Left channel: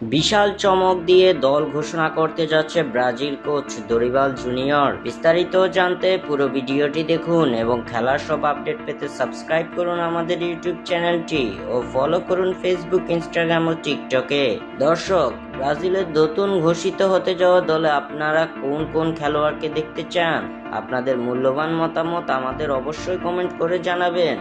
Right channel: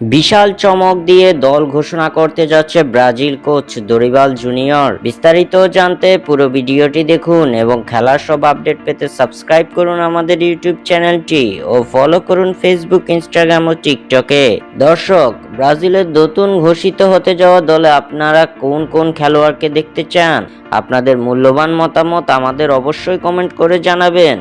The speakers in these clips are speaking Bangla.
বিশাল চমক দিয়ে দল ঘোষণা করতে যাচ্ছে ব্রাজিল কোচ দরিবাল জুনিয়র। বিস্তারিত জানতে পুরো ভিডিওটি দেখুন এবং খেলার সব আপডেট পেতে সাবস্ক্রাইব করুন আমাদের ইউটিউব চ্যানেলটি ও ফলো করুন ফেসবুক, ইনস্টাগ্রাম ও টিকটকে। দর্শক, ব্রাজিলের নতুন ঘোষিত হতে যাওয়া দলে আপনারা কোন কোন খেলোয়াড়কে দেখতে চান? আপনাদের মূল্যবান মতামত আমাদের অবশ্যই কমেন্ট করে জানাবেন।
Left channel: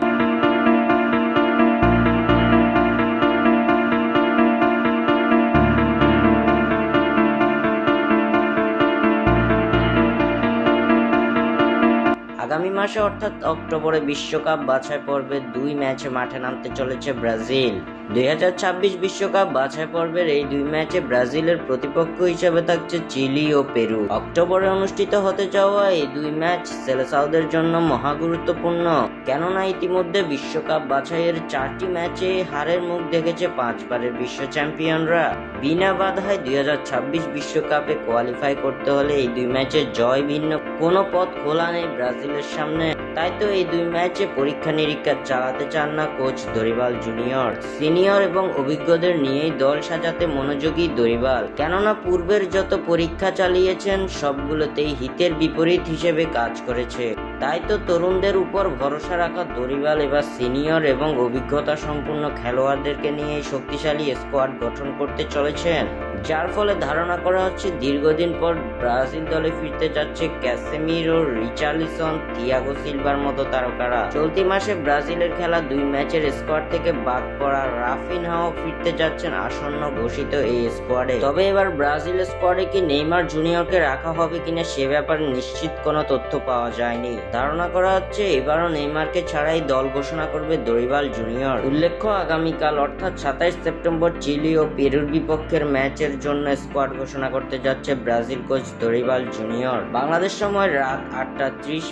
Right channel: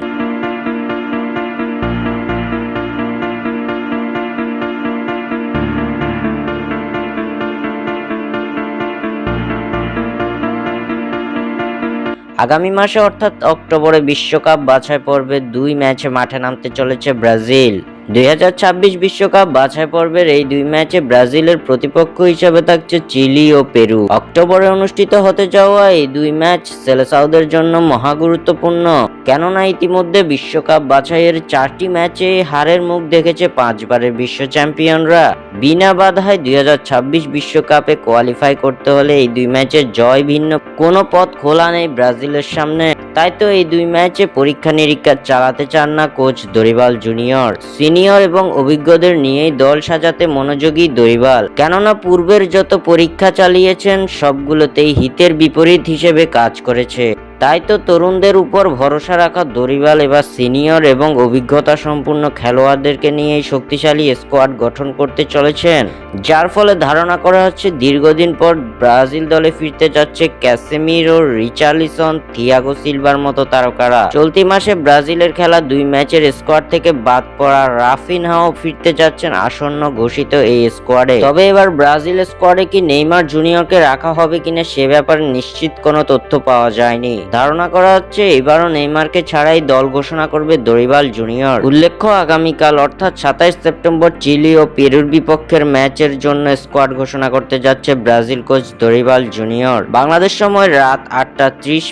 আগামী মাসে অর্থাৎ অক্টোবরে বিশ্বকাপ বাছাই পর্বে 2 ম্যাচে মাঠে নামতে চলেছে ব্রাজিল। 2026 বিশ্বকাপ বাছাই পর্বের এই 2 ম্যাচে ব্রাজিলের প্রতিপক্ষ হিসেবে থাকছে চিলি ও পেরু। অক্টোবরে অনুষ্ঠিত হতে যাওয়া এই 2 ম্যাচ সেলেসাওদের জন্য মহা গুরুত্বপূর্ণ, কেননা ইতিমধ্যে বিশ্বকাপ বাছাইয়ের 4টি ম্যাচে হারের মুখ দেখেছে 5 বারের বিশ্ব চ্যাম্পিয়নরা। বিনা বাধায় 2026 বিশ্বকাপে কোয়ালিফাই করতে হলে এই 2 ম্যাচে জয় ভিন্ন কোনো পথ খোলা নেই ব্রাজিলের সামনে। তাই তো এই 2 ম্যাচে পরীক্ষা নিরীক্ষা চালাতে চান না কোচ দরিবাল জুনিয়র। সিনিয়র এবং অভিজ্ঞদের নিয়েই দল সাজাতে মনোযোগী দরিবাল, কেননা পূর্বের যত পরীক্ষা চালিয়েছেন সবগুলোতেই হিতের বিপরীত হিসেবে কাজ করেছে। তাই তো তরুণদের উপর ভরসা রাখা দরিবাল এবার সিনিয়র এবং অভিজ্ঞতা সম্পন্ন খেলোয়াড়দেরকে নিয়ে শক্তিশালী স্কোয়াড গঠন করতে চলেছেন, যার ফলে ধারণা করা হচ্ছে দীর্ঘদিন পর ব্রাজিল দলে ফিরতে যাচ্ছে ক্যাসেমিরো, রিচার্লিসন, থিয়াগো সিলভার মতো তারকারা। চলতি মাসে ব্রাজিলের খেলা 2 ম্যাচের স্কোয়াড থেকে বাদ পড়া রাফিনহাও ফিরতে যাচ্ছেন আসন্ন ঘোষিত এই স্কোয়াডে। তবে এবার ব্রাজিল স্কোয়াডে কি নেইমার জুনিয়রকে রাখা হবে কিনা সে ব্যাপারে নিশ্চিত কোনো তথ্য পাওয়া যায়নি। ধারণা করা হচ্ছে এবারও নেইমারকে ছাড়াই দল ঘোষণা করবে দরিবাল জুনিয়র। উল্লেখ্য, আগামীকাল অর্থাৎ 27 সেপ্টেম্বর চিলি ও পেরুর বিপক্ষের ম্যাচের জন্য স্কোয়াড ঘোষণা করতে যাচ্ছে Brazil coach Dorival junior. Bangladesh সময় রাত 8টা 30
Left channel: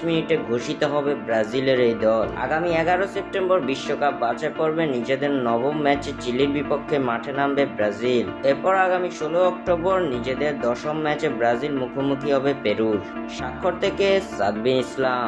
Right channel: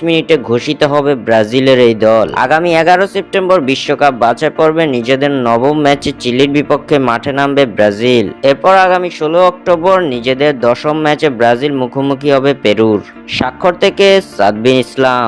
ঘোষিত হবে ব্রাজিলের এই দল। আগামী 11 সেপ্টেম্বর বিশ্বকাপ বাছাই পর্বে নিজেদের নবম ম্যাচে চিলির বিপক্ষে মাঠে নামবে ব্রাজিল। এরপর আগামী 16 অক্টোবর নিজেদের 10ম ম্যাচে ব্রাজিল মুখোমুখি হবে পেরুর। স্বাক্ষর থেকে সাদবিন ইসলাম।